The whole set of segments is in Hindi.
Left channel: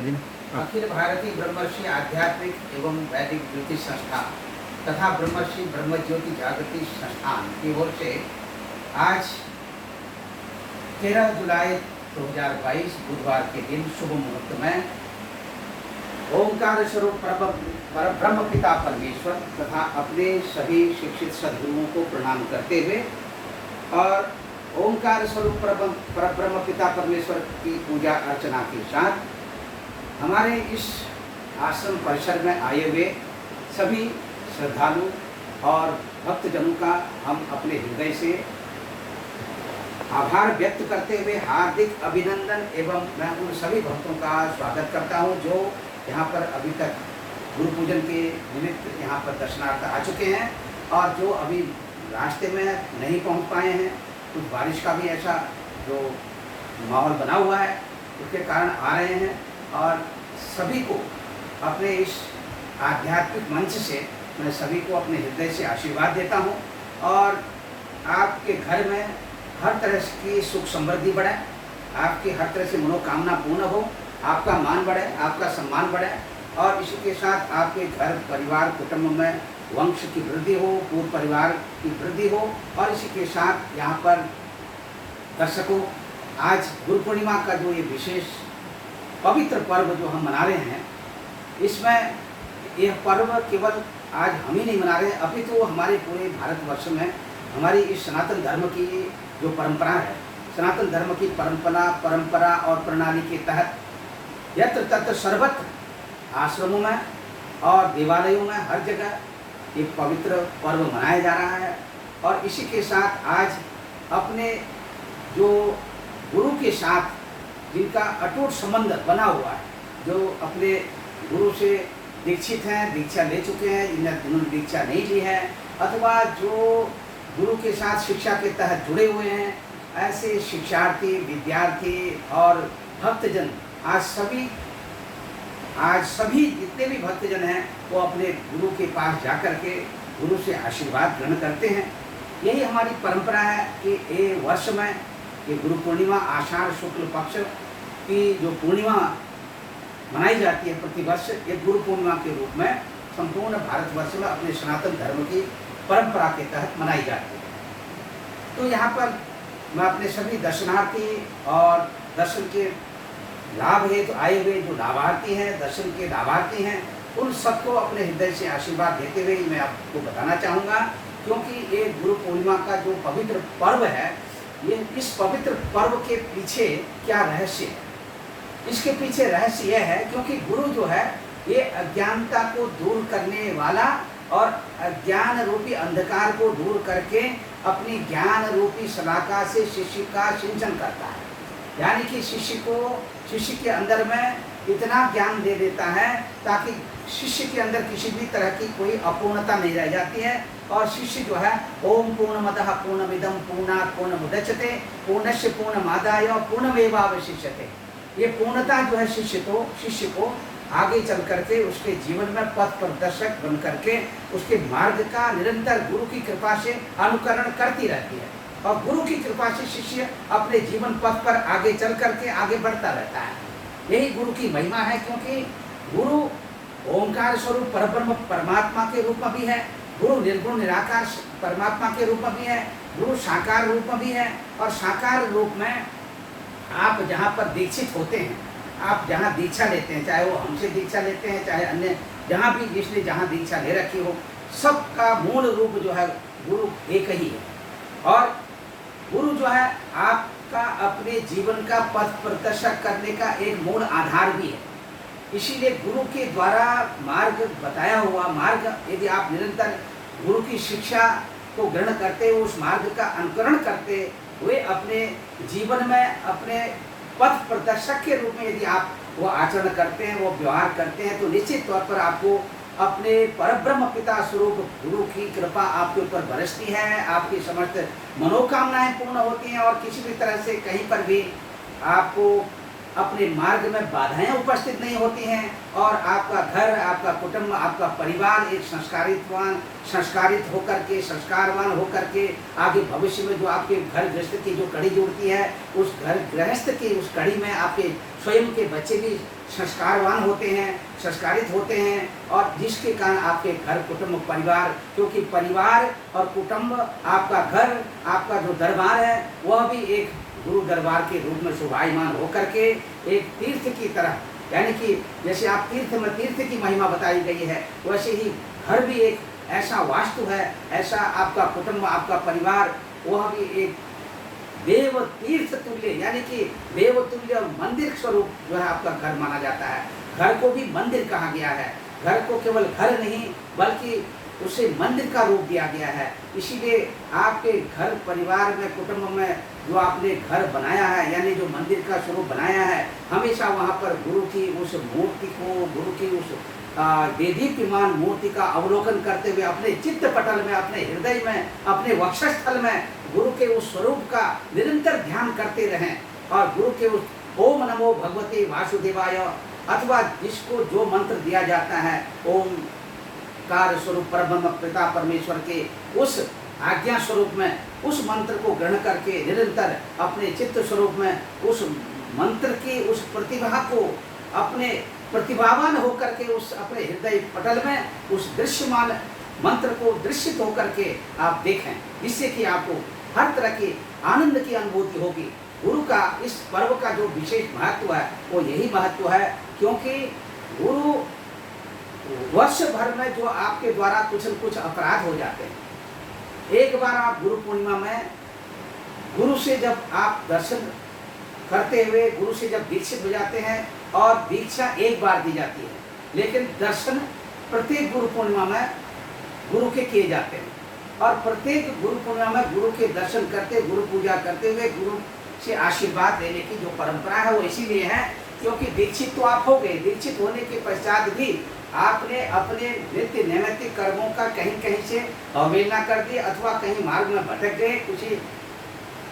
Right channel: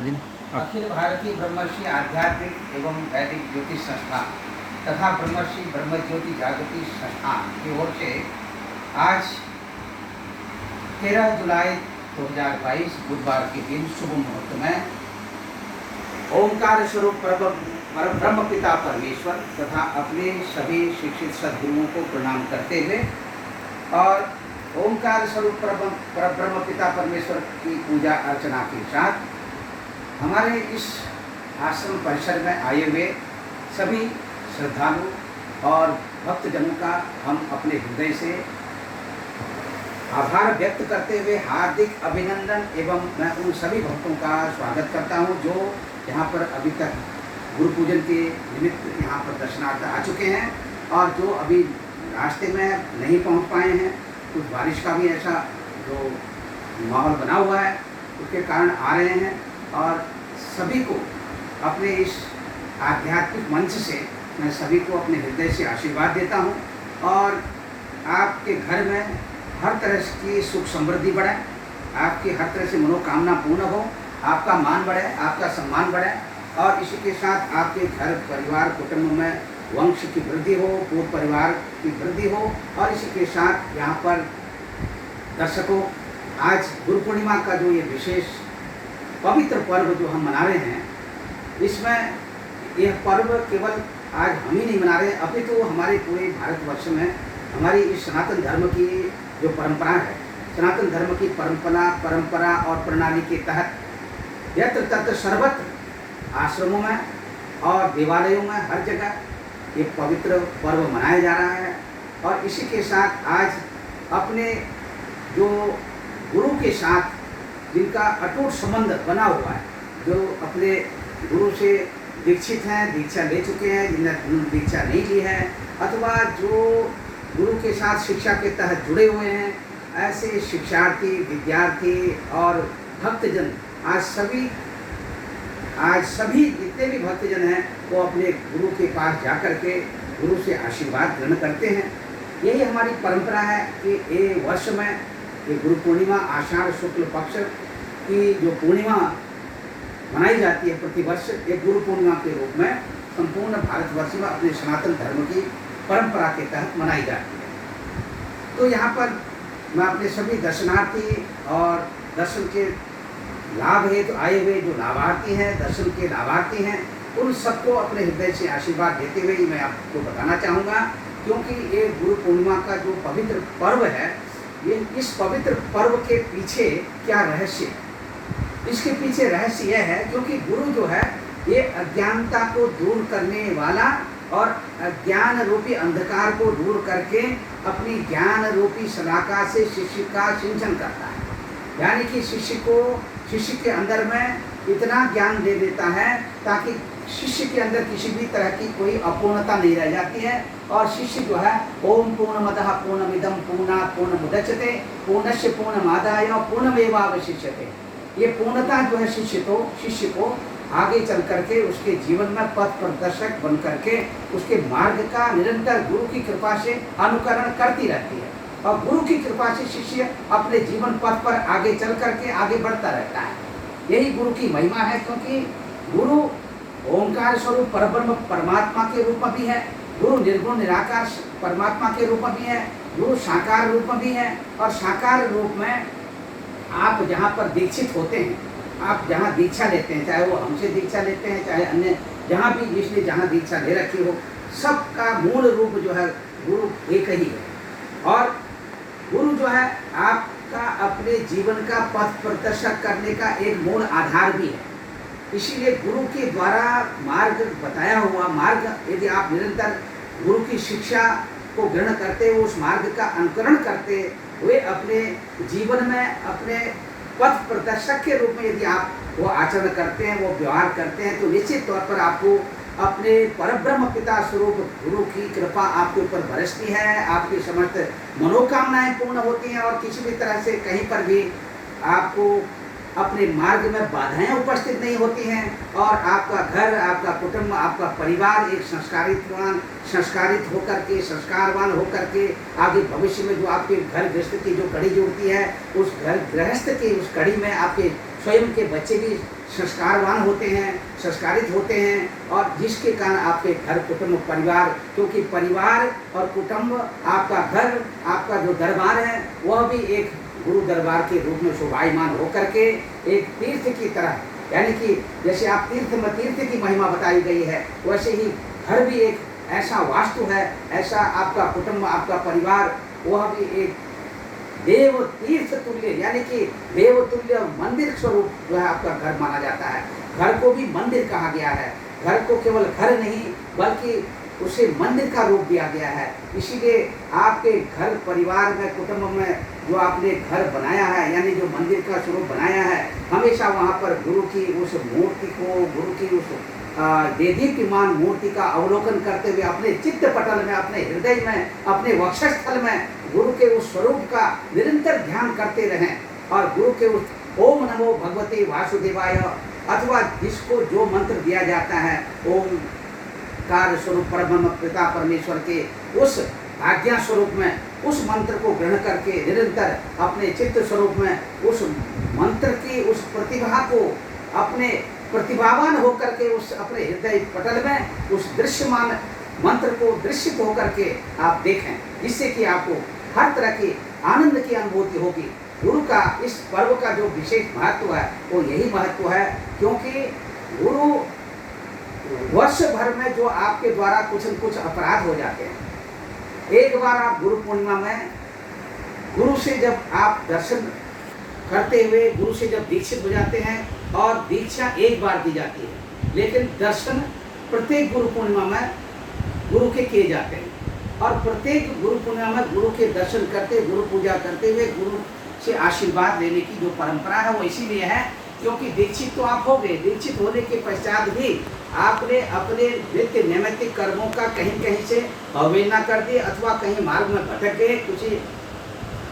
दिन अखिल भारतीय ब्रह्मर्षि आध्यात्मिक एवं वैदिक ज्योतिष संस्थान तथा ब्रह्मर्षि ब्रह्मज्योति जागृति संस्थान की ओर से आज 13 जुलाई 2022 बुधवार के दिन शुभ मुहूर्त में ओंकार स्वरूप ब्रह्म पिता परमेश्वर तथा अपने सभी शिक्षित सद्गुरुओं को प्रणाम करते हुए और ओंकार स्वरूप ब्रह्म पिता परमेश्वर की पूजा अर्चना के साथ हमारे इस आश्रम परिसर में आए हुए सभी श्रद्धालु और भक्तजनों का हम अपने हृदय से आभार व्यक्त करते हुए हार्दिक अभिनंदन एवं मैं उन सभी भक्तों का स्वागत करता हूं जो यहाँ पर अभी तक गुरु पूजन के निमित्त यहाँ पर दर्शनार्थ आ चुके हैं और जो अभी रास्ते में नहीं पहुँच पाए हैं। कुछ बारिश का भी ऐसा जो माहौल बना हुआ है उसके कारण आ रहे हैं और सभी को अपने इस आध्यात्मिक मंच से मैं सभी को अपने हृदय से आशीर्वाद देता हूं और आपके घर में हर तरह की सुख समृद्धि बढ़े, आपकी हर तरह से मनोकामना पूर्ण हो, आपका मान बढ़े, आपका सम्मान बढ़े और इसी के साथ आपके घर परिवार कुटुंब में वंश की वृद्धि हो, पूर्ण परिवार की वृद्धि हो। और इसी के साथ यहाँ पर दर्शकों आज गुरु पूर्णिमा का जो ये विशेष पवित्र पर्व जो हम मना रहे हैं, इसमें यह पर्व केवल आज हम ही नहीं मना रहे अपितु तो हमारे पूरे भारतवर्ष में हमारी इस सनातन धर्म की जो परंपरा है, सनातन धर्म की परंपरा और प्रणाली के तहत यत्र तत्र सर्वत्र आश्रमों में और देवालयों में हर जगह ये पवित्र पर्व मनाया जा रहा है। और इसी के साथ आज अपने जो गुरु के साथ जिनका अटूट संबंध बना हुआ है, जो अपने गुरु से दीक्षित हैं, दीक्षा ले चुके हैं, जिन्होंने दीक्षा नहीं ली है अथवा जो गुरु के साथ शिक्षा के तहत जुड़े हुए हैं, ऐसे शिक्षार्थी, विद्यार्थी और भक्तजन आज सभी जितने भी भक्तजन हैं वो अपने गुरु के पास जाकर के गुरु से आशीर्वाद ग्रहण करते हैं। यही हमारी परंपरा है कि ये वर्ष में ये गुरु पूर्णिमा आषाढ़ शुक्ल पक्ष की जो पूर्णिमा मनाई जाती है प्रतिवर्ष, ये गुरु पूर्णिमा के रूप में संपूर्ण भारतवर्ष में अपने सनातन धर्म की परंपरा के तहत मनाई जाती है। तो यहाँ पर मैं अपने सभी दर्शनार्थी और दर्शन के लाभ हेतु आए हुए जो लाभार्थी हैं, दर्शन के लाभार्थी हैं, उन सबको अपने हृदय से आशीर्वाद देते हुए मैं आपको बताना चाहूँगा, क्योंकि ये गुरु पूर्णिमा का जो पवित्र पर्व है, ये इस पवित्र पर्व के पीछे क्या रहस्य है। इसके पीछे रहस्य यह है क्योंकि गुरु जो है ये अज्ञानता को दूर करने वाला और अज्ञान रूपी अंधकार को दूर करके अपनी ज्ञान रूपी शलाका से शिष्य का सिंचन करता है। यानी कि शिष्य के अंदर में इतना ज्ञान दे देता है ताकि शिष्य के अंदर किसी भी तरह की कोई अपूर्णता नहीं रह जाती है और शिष्य जो है ओम पूर्णमदः पूर्णमिदं पूर्णात् पूर्णमुदच्यते पूर्णस्य पूर्णमादाय पूर्णमेवावशिष्यते। ये पूर्णता जो है शिष्य को आगे चल करके उसके जीवन में पथ प्रदर्शक बन करके उसके मार्ग का निरंतर गुरु की कृपा से अनुकरण करती रहती है और गुरु की कृपा से शिष्य अपने जीवन पथ पर आगे चल करके आगे बढ़ता रहता है। यही गुरु की महिमा है, क्योंकि गुरु ओंकार स्वरूप परब्रह्म परमात्मा के रूप में भी है, गुरु निर्गुण निराकार परमात्मा के रूप में भी है, गुरु साकार रूप में भी है। और साकार रूप में आप जहाँ पर दीक्षित होते हैं, आप जहाँ दीक्षा लेते हैं, चाहे वो हमसे दीक्षा लेते हैं, चाहे अन्य जहाँ भी जिसने जहाँ दीक्षा ले रखी हो, सबका मूल रूप जो है गुरु एक ही है। और गुरु जो है आपका अपने जीवन का पथ प्रदर्शक करने का एक मूल आधार भी है। इसीलिए गुरु के द्वारा मार्ग बताया हुआ मार्ग यदि आप निरंतर गुरु की शिक्षा को ग्रहण करते हुए उस मार्ग का अनुकरण करते हुए अपने जीवन में अपने पथ प्रदर्शक के रूप में यदि आप वो आचरण करते हैं, वो व्यवहार करते हैं, तो निश्चित तौर पर आपको अपने परब्रह्म पिता स्वरूप गुरु की कृपा आपके ऊपर बरसती है, आपकी समस्त मनोकामनाएं पूर्ण होती हैं और किसी भी तरह से कहीं पर भी आपको अपने मार्ग में बाधाएं उपस्थित नहीं होती हैं और आपका घर, आपका कुटुंब, आपका परिवार एक संस्कारित होकर के, संस्कारवान होकर के आगे भविष्य में जो आपके घर गृहस्थ की जो कड़ी जुड़ती है, उस घर गृहस्थ की उस कड़ी में आपके स्वयं के बच्चे भी संस्कारवान होते हैं, संस्कारित होते हैं, और जिसके कारण आपके घर कुटुंब परिवार, क्योंकि परिवार और कुटुंब आपका घर, आपका जो दरबार है वह भी एक गुरु दरबार के रूप में शोभायमान होकर के एक तीर्थ की तरह, यानी कि जैसे आप तीर्थ में तीर्थ की महिमा बताई गई है, वैसे ही घर भी एक ऐसा वास्तु है, ऐसा आपका कुटुंब, आपका परिवार, वह भी एक देव तीर्थ तुल्य, यानी कि देव तुल्य मंदिर स्वरूप जो है आपका घर माना जाता है। घर को भी मंदिर कहा गया है, घर को केवल घर नहीं बल्कि उसे मंदिर का रूप दिया गया है। इसीलिए आपके घर परिवार में, कुटुंब में जो आपने घर बनाया है, यानी जो मंदिर का स्वरूप बनाया है, हमेशा वहाँ पर गुरु की उस मूर्ति को, गुरु की उस देदीप्यमान मूर्ति का अवलोकन करते हुए अपने चित्त पटल में, अपने हृदय में, अपने वक्षस्थल में गुरु के उस स्वरूप का निरंतर ध्यान करते रहें, और गुरु के उस ओम नमो भगवते वासुदेवाय, अथवा जिसको जो मंत्र दिया जाता है ओम कार स्वरूप परब्रह्म पिता परमेश्वर के उस आज्ञा स्वरूप में, उस मंत्र को ग्रहण करके निरंतर अपने चित्त स्वरूप में उस मंत्र की उस प्रतिभा को, अपने प्रतिभावान होकर के उस अपने हृदय पटल में उस दृश्यमान मंत्र को दृश्यित होकर के आप देखें, जिससे कि आपको हर तरह की आनंद की अनुभूति होगी। गुरु का इस पर्व का जो विशेष महत्व है वो यही महत्व है, क्योंकि गुरु वर्ष भर में जो आपके द्वारा कुछ न कुछ अपराध हो जाते हैं, एक बार आप गुरु पूर्णिमा में गुरु से जब आप दर्शन करते हुए गुरु से जब दीक्षित हो जाते हैं, और दीक्षा एक बार दी जाती है, लेकिन दर्शन प्रत्येक गुरु पूर्णिमा में गुरु के किए जाते हैं, और प्रत्येक गुरु पूर्णिमा में गुरु के दर्शन करते, गुरु पूजा करते हुए गुरु से आशीर्वाद लेने की जो परंपरा है वो इसीलिए है क्योंकि दीक्षित तो आप हो गए, दीक्षित होने के पश्चात भी आपने अपने नित्य नैमित्तिक कर्मों का कहीं कहीं से अवहेलना कर दी, अथवा कहीं मार्ग में भटक गए किसी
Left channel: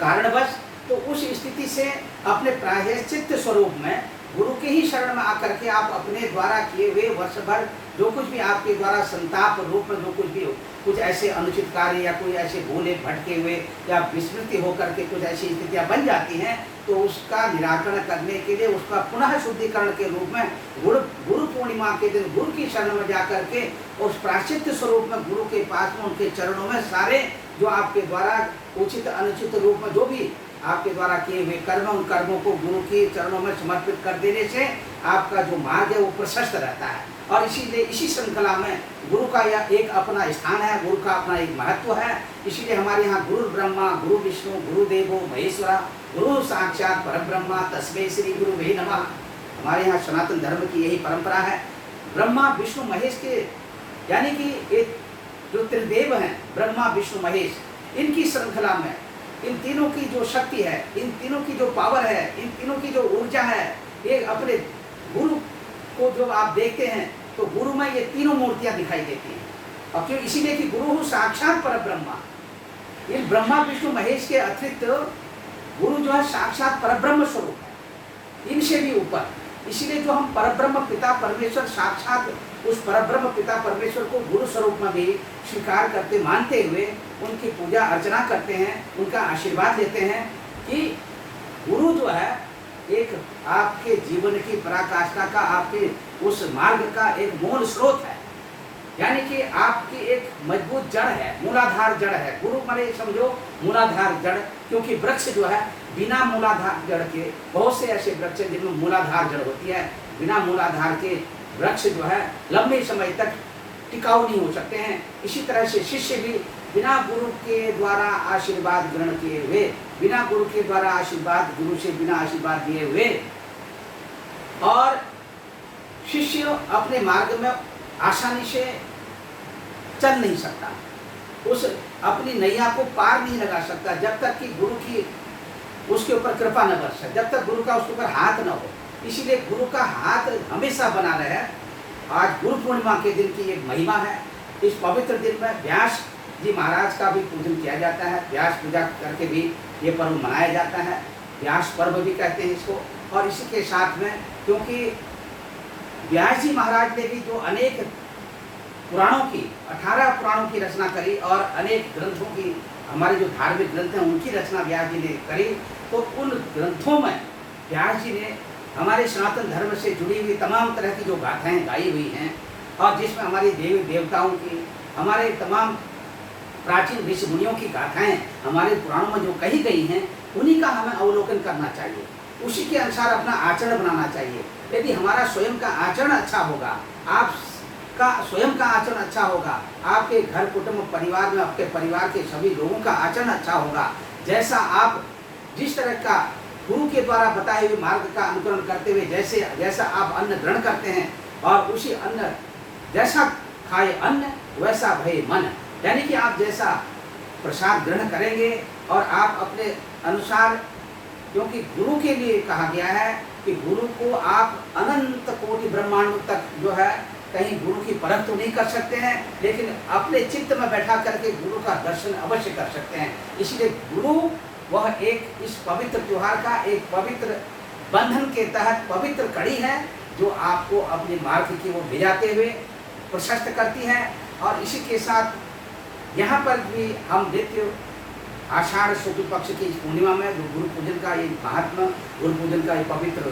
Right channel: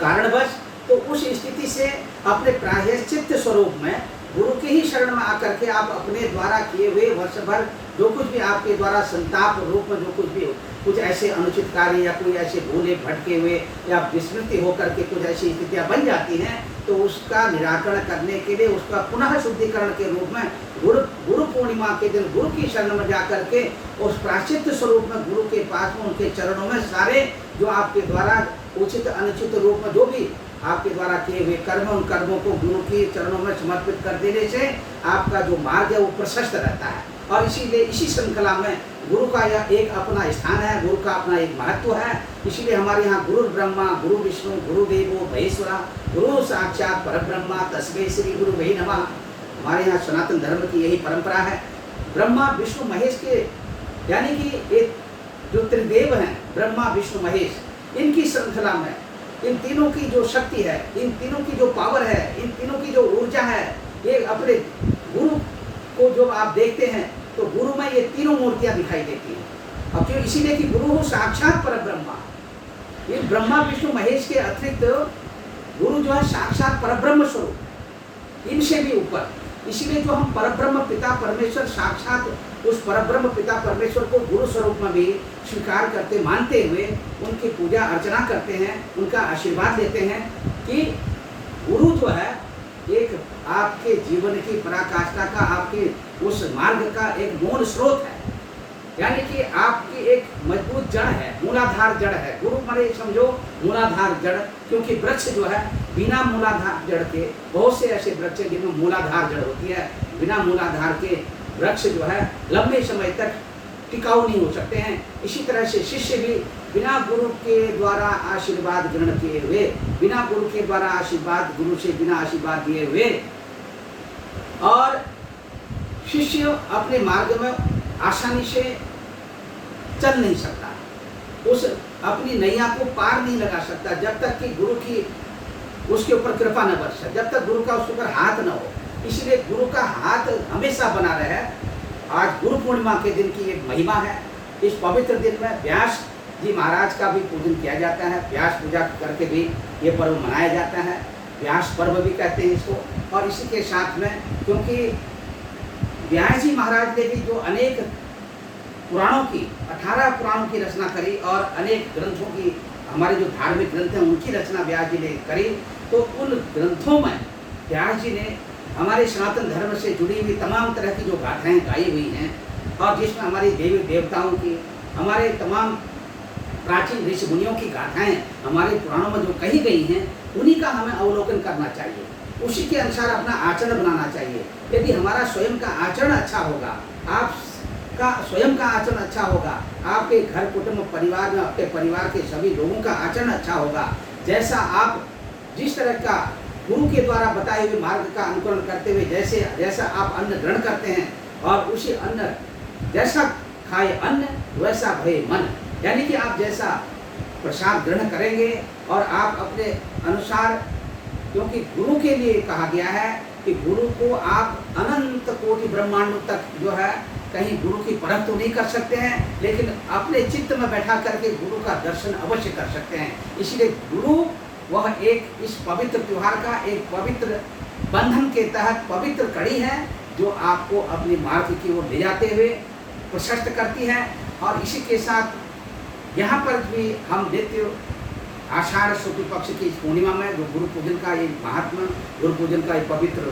कारणवश, तो उस स्थिति से अपने प्रायश्चित्त स्वरूप में गुरु के ही शरण में आकर के आप अपने द्वारा किए हुए वर्ष भर जो कुछ भी आपके द्वारा संताप रूप में जो कुछ भी हो, कुछ ऐसे अनुचित कार्य या कोई ऐसे भूले भटके हुए या विस्मृति होकर के कुछ ऐसी स्थितियां बन जाती हैं, तो उसका निराकरण करने के लिए उसका पुनः शुद्धिकरण के रूप में गुरु पूर्णिमा के दिन गुरु की शरण में जाकर के उस प्रायश्चित्त स्वरूप में गुरु के पास में उनके चरणों में सारे जो आपके द्वारा उचित अनुचित रूप में जो भी आपके द्वारा किए हुए कर्म, उन कर्मों को गुरु के चरणों में समर्पित कर देने से आपका जो मार्ग है वो प्रशस्त रहता है। और इसीलिए इसी श्रृंखला में गुरु का यह एक अपना स्थान है, गुरु का अपना एक महत्व है। इसीलिए हमारे यहाँ गुरु ब्रह्मा गुरु विष्णु गुरु देवो महेश्वरा गुरु साक्षात परब्रह्मा तस्मै श्री गुरु वही नमः। हमारे यहाँ सनातन धर्म की यही परंपरा है। ब्रह्मा विष्णु महेश के, यानी कि एक जो त्रिदेव हैं ब्रह्मा विष्णु महेश, इनकी श्रृंखला में इन तीनों की जो शक्ति है, इन तीनों की जो पावर है, इन तीनों की जो ऊर्जा है, ये अपने गुरु को जो आप देखते हैं तो गुरु में ये तीनों मूर्तियां दिखाई देती हैं। अब जो इसीलिए कि गुरु साक्षात परब्रह्मा, ये ब्रह्मा विष्णु महेश के अतिरिक्त गुरु जो है साक्षात परब्रह्म स्वरूप, इनसे भी ऊपर। इसीलिए जो हम परब्रह्म पिता परमेश्वर साक्षात उस परब्रह्म पिता परमेश्वर को गुरु स्वरूप में भी स्वीकार करते मानते हुए उनकी पूजा अर्चना करते हैं, उनका आशीर्वाद लेते हैं कि गुरु जो है एक आपके जीवन की पराकाष्ठा का, आपके उस मार्ग का एक मूल स्रोत है, यानी कि आपकी एक मजबूत जड़ है, मूलाधार जड़ है। गुरु माने समझो मूलाधार जड़, क्योंकि वृक्ष जो है बिना मूलाधार जड़ के, बहुत से ऐसे वृक्ष हैं जिनमें मूलाधार जड़ होती है, बिना मूलाधार के वृक्ष जो है लंबे समय तक टिकाऊ नहीं हो सकते हैं। इसी तरह से शिष्य भी बिना गुरु के द्वारा आशीर्वाद ग्रहण किए हुए, बिना गुरु के द्वारा आशीर्वाद, गुरु से बिना आशीर्वाद दिए हुए, और शिष्य अपने मार्ग में आसानी से चल नहीं सकता, उस अपनी नैया को पार नहीं लगा सकता जब तक कि गुरु की उसके ऊपर कृपा न बरसे, जब तक गुरु का उसके ऊपर हाथ न हो। इसीलिए गुरु का हाथ हमेशा बना रहे। आज गुरु पूर्णिमा के दिन की एक महिमा है। इस पवित्र दिन में व्यास जी महाराज का भी पूजन किया जाता है, व्यास पूजा करके भी ये पर्व मनाया जाता है, व्यास पर्व भी कहते हैं इसको। और इसी के साथ में क्योंकि व्यास जी महाराज ने भी जो अनेक पुराणों की 18 पुराणों की रचना करी और अनेक ग्रंथों की, हमारे जो धार्मिक ग्रंथ हैं उनकी रचना व्यास जी ने करी, तो उन ग्रंथों में व्यास जी ने हमारे सनातन धर्म से जुड़ी हुई तमाम तरह की जो गाथाएं गाई हुई हैं और जिसमें हमारी देवी देवताओं की, हमारे तमाम प्राचीन ऋषि मुनियों की गाथाएं हमारे पुराणों में जो कही गई हैं, उन्हीं का हमें अवलोकन करना चाहिए, उसी के अनुसार अपना आचरण बनाना चाहिए। यदि हमारा स्वयं का आचरण अच्छा होगा, आपका स्वयं का आचरण अच्छा होगा, आपके घर कुटुंब परिवार में आपके परिवार के सभी लोगों का आचरण अच्छा होगा, जैसा आप जिस तरह का गुरु के द्वारा बताए हुए मार्ग का अनुकरण करते हुए जैसा आप अन्न ग्रहण करते हैं और उसी अन्न जैसा खाए अन्न वैसा भये मन, यानी कि आप जैसा प्रसाद ग्रहण करेंगे और आप अपने अनुसार, क्योंकि गुरु के लिए कहा गया है कि गुरु को आप अनंत कोटि ब्रह्मांड तक जो है कहीं गुरु की परख तो नहीं कर सकते हैं, लेकिन अपने चित्त में बैठा करके गुरु का दर्शन अवश्य कर सकते हैं। इसलिए गुरु वह एक इस पवित्र त्योहार का एक पवित्र बंधन के तहत पवित्र कड़ी है जो आपको अपने मार्ग की ओर ले जाते हुए प्रशस्त करती है। और इसी के साथ यहाँ पर भी हम नित्य आषाढ़ शुक्ल पक्ष की इस पूर्णिमा में जो गुरु पूजन का एक महात्मा, गुरु पूजन का एक पवित्र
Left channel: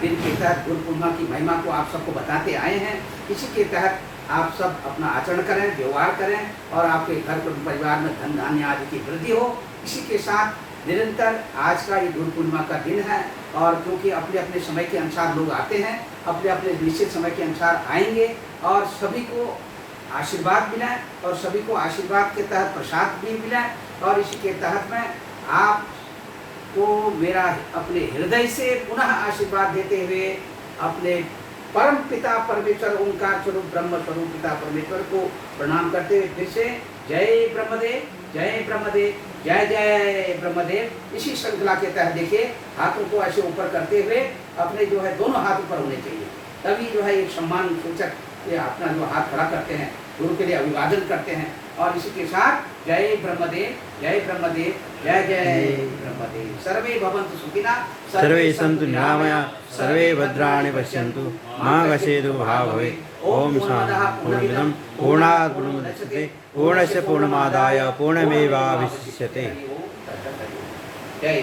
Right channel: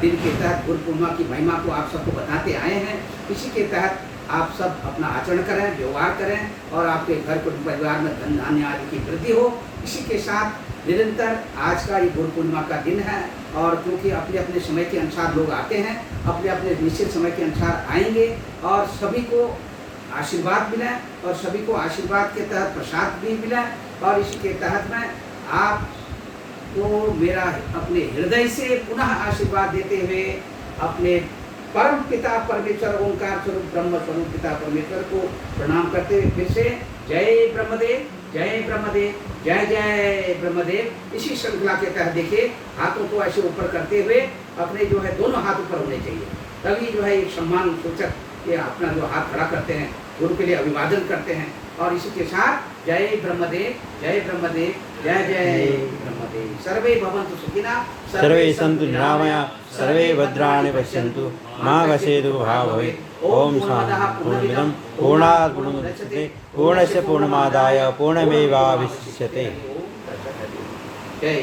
दिन के तहत गुरु पूर्णिमा की महिमा को आप सबको बताते आए हैं। इसी के तहत आप सब अपना आचरण करें, व्यवहार करें और आपके घर कुटुंब परिवार में धन धान्य आदि की वृद्धि हो। इसी के साथ निरंतर आज का ये गुरु पूर्णिमा का दिन है और क्योंकि अपने अपने समय के अनुसार लोग आते हैं, अपने अपने निश्चित समय के अनुसार आएंगे और सभी को आशीर्वाद मिला और सभी को आशीर्वाद के तहत प्रसाद भी मिला। और इसी के तहत में आपको मेरा अपने हृदय से पुनः आशीर्वाद देते हुए अपने परम पिता परमेश्वर ओंकार स्वरूप ब्रह्म स्वरूप पिता परमेश्वर को प्रणाम करते हुए फिर से जय ब्रह्मदेव, जय ब्रह्मदेव, जय जय ब्रह्मदेव। इसी श्रृंखला के तहत देखिए हाथों को ऐसे ऊपर करते हुए अपने जो है दोनों हाथ ऊपर होने चाहिए, तभी जो है एक सम्मान सूचक ये अपना जो हाथ खड़ा करते हैं, गुरु के लिए अभिवादन करते हैं। और इसी के साथ जय ब्रह्मदेव, जय ब्रह्मदेव, जय जय ब्रह्मदेव। सर्वे भवन्तु सुखिनः, सर्वे सन्तु निरामया, सर्वे भद्राणि पश्यन्तु, मा कश्चित् दुःखभाग् भवेत्। ओम शान्ति। पूर्णमिदं पूर्णात् पूर्णमुदच्यते पूर्णस्य पूर्णमादाय पूर्णमेवावशिष्यते। जय।